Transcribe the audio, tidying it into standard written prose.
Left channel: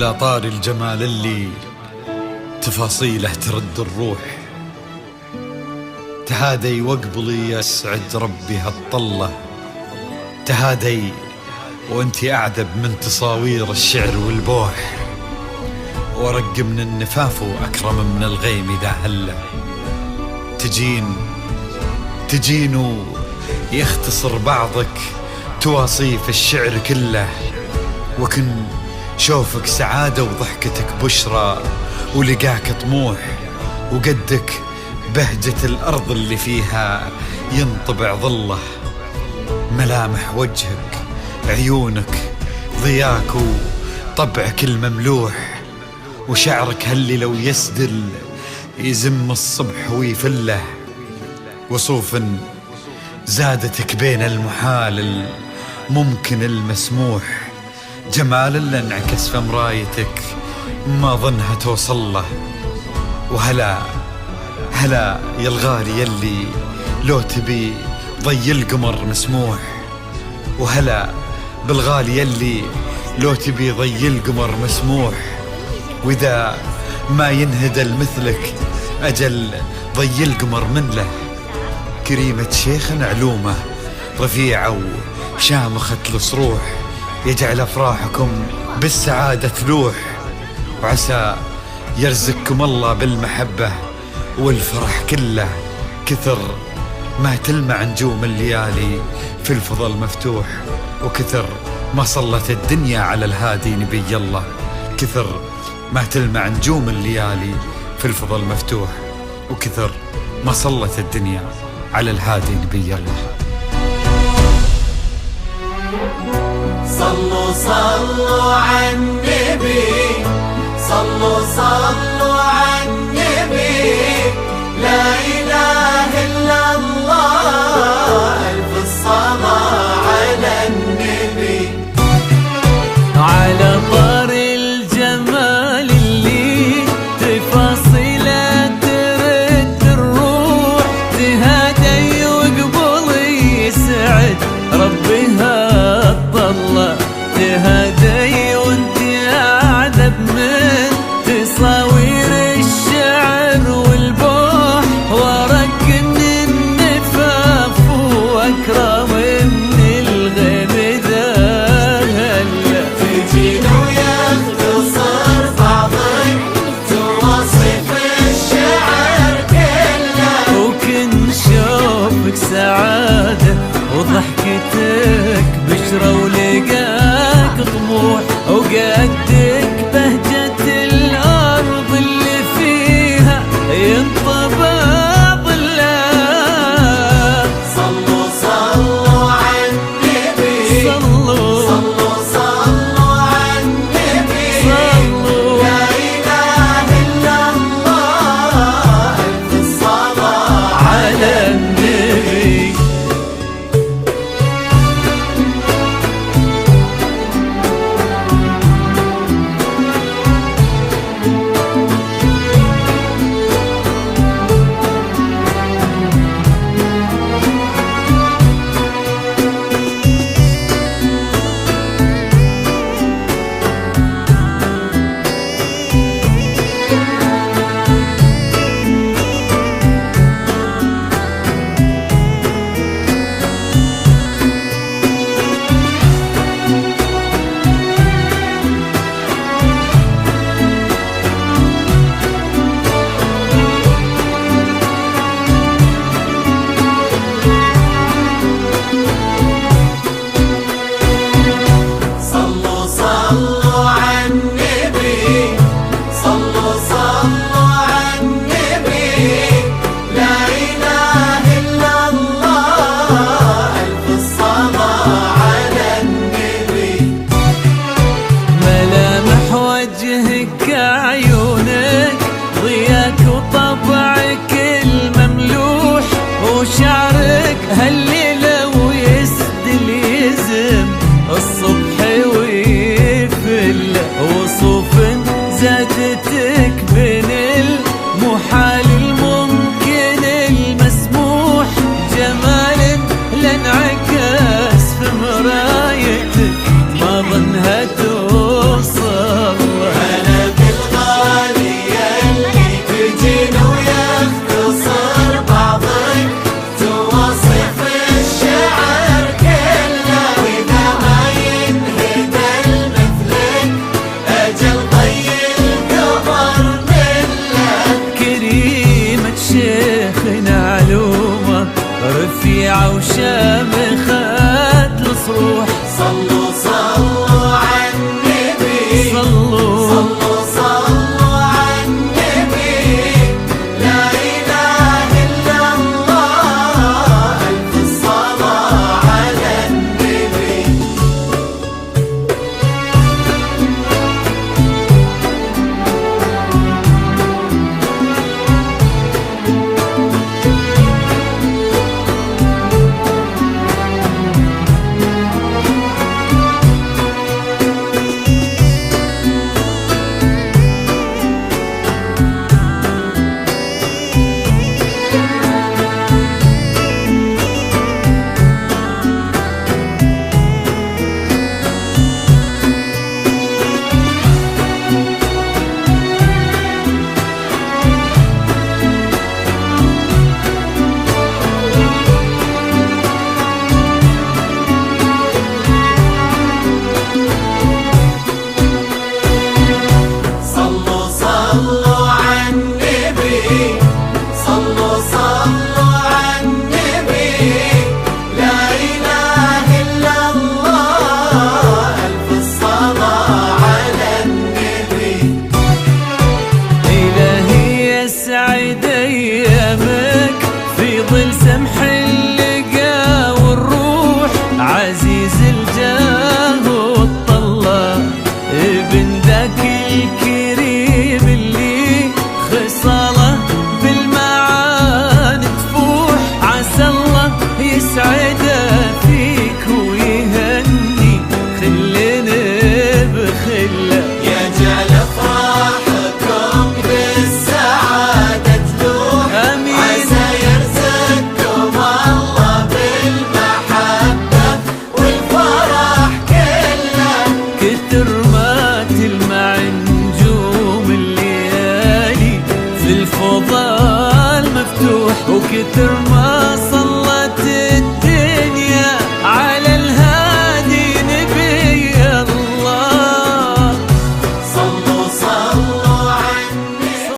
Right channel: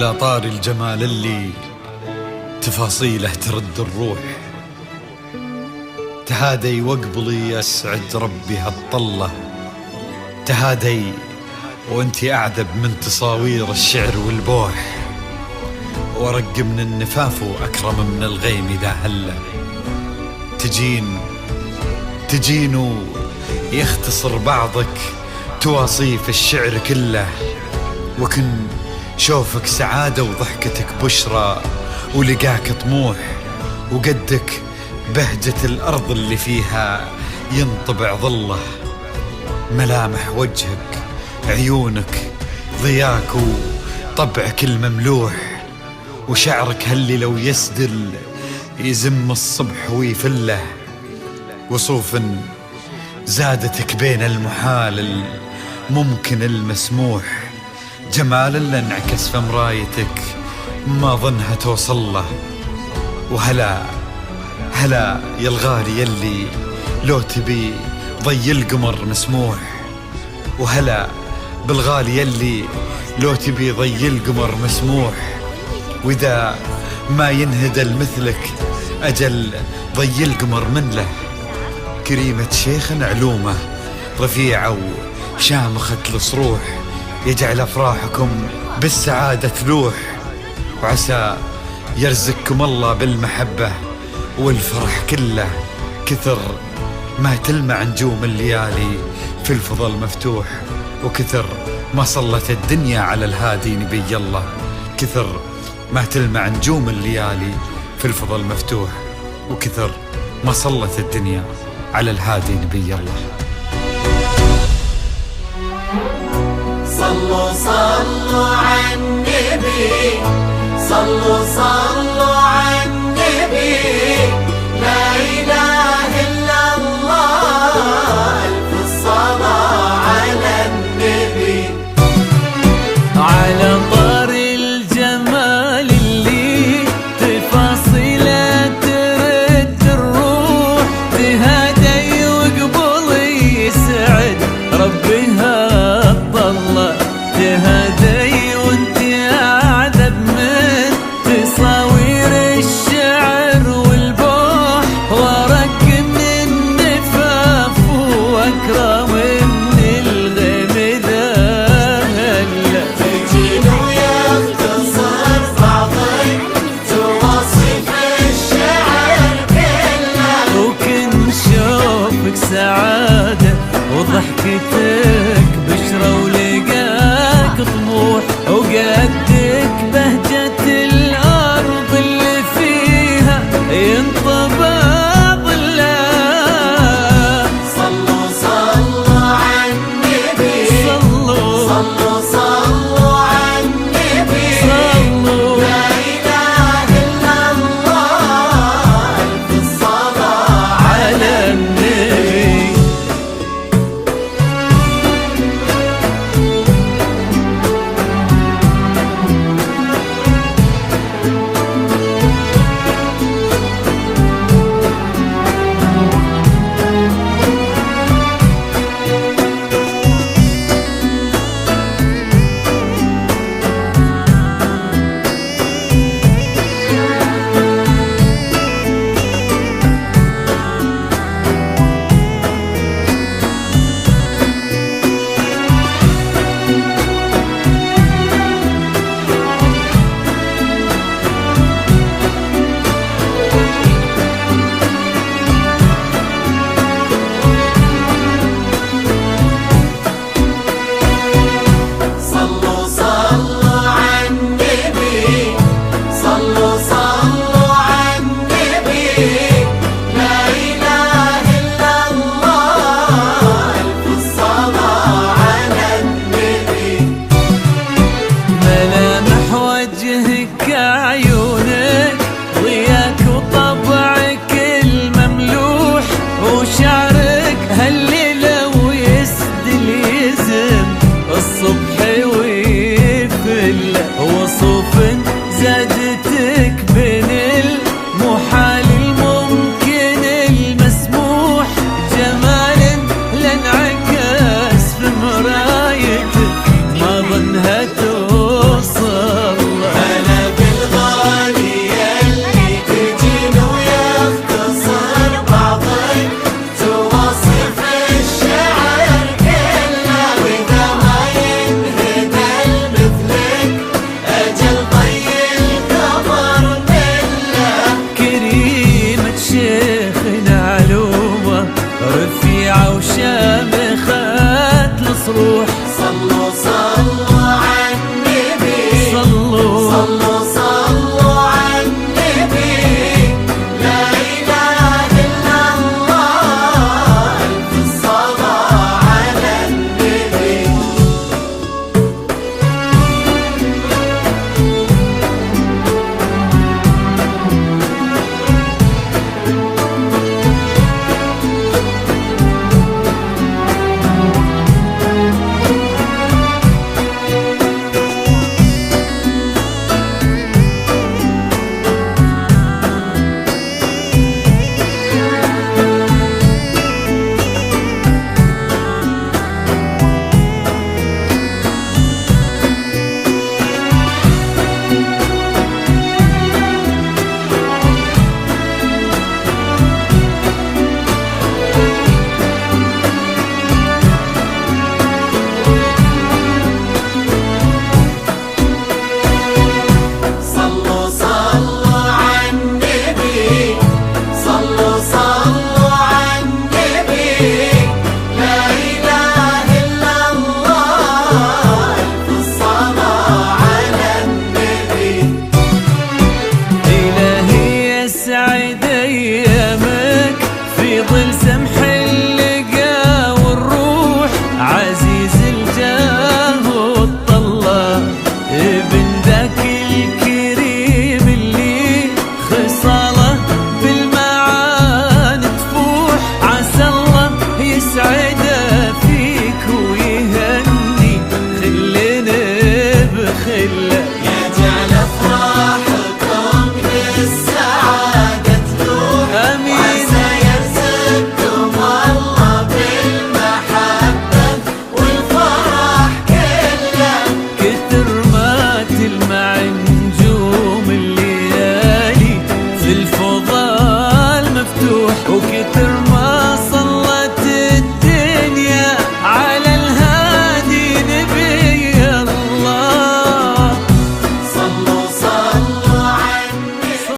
على طار الجمال اللي تفاصيله ترد الروح، تهادي وقبلي يسعد ربي هالطلة، تهادي وانتي أعذب من تصاوير الشعر والبوح، ورق من النفاف وأكرم من الغيم إذا هله، تجين يختصر بعضك تواصيف الشعر كله، وكن شوفك سعادة وضحكتك بشرى ولقاك طموح، وقدك بهجة الأرض اللي فيها ينطبع ظله، ملامح وجهك عيونك ضياك وطبعك المملوح، وشعرك هاللي لو يسدل يزم الصبح ويفله، وصوف زادتك بين المحال الممكن المسموح، جمال اللي انعكس في مرايتك ما ظنها توصل له، وهلا يا الغالي يلي لو تبي ضي القمر مسموح، وهلا بالغالي يلي لو تبي ضي القمر مسموح، وإذا ما ينهدل مثلك أجل ضي القمر من له، كريمة شيخ علومه رفيعة وشامخة الصروح، يجعل أفراحكم بالسعادة تلوح، وعسى يرزقكم الله بالمحبة والفرح كله، كثر ما تلمع نجوم الليالي في الفضل مفتوح، وكثر ما صلت الدنيا على الهادي نبي الله، كثر ما تلمع نجوم الليالي في الفضل مفتوح، وكثر ما صلت الدنيا على الهادي نبي الله. صلوا صلوا على النبي، صلوا على النبي، لا إله إلا الله، ألف الصلاة على النبي. على طار الجمال اللي تفاصيله ترد الروح، تهادي وقبلي يسعد ربي هالطلة، تهادي وانتي أعذب من تصاوير الشعر والبوح، ورق من النفاف وأكرم من الغيم ذا هلا، وكن شوفك سعادة وضحكتك بشرى ولقاك طموح، وقدك بهجة الأرض اللي فيها ينطبع ظله. صلوا على النبي، صلوا على النبي، صلوا لا إله إلا الله، ألف الصلاة على النبي. ملامح وجهك عيونك ضياك وطبعك المملوح، وشعرك هاللي لو يسدل يزم الصبح ويفل، وصوف زادتك بين المحال الممكن المسموح، جمال لانعكس في مرايتك ما ظنها توصل. الله. بلد الغالية اللي ترجينا ويختصر بعضك تواصف الشعر كله، وإذا ما ينهدى مثلك أجل طي القمر منك. كريمة شيخنا علومة رفيعة وشامخة الصروح. صلوا صلوا على النبي، صلوا صلوا صلوا على النبي. لا إله إلا الله، ألف الصلاة على النبي. صلوا صلوا على النبي، صلوا صلوا على النبي. لا إله إلا الله، ألف الصلاة على النبي. إلهي يسعد أيامك في ظل سمح اللقا والروح. عزيز الجاه والطلة ابن ذاك الكريم اللي خصاله بالمعاني تفوح. عسى الله يسعده فيك ويهني خلنا بخله. يجعل أفراحكم بالسعادة تلوح. آمين. عسى يرزقكم الله بالمحبة والفرح كله. كتر ما تلمع نجوم الليالي في الفضاء مفتوح، وكتر ما صلت الدنيا على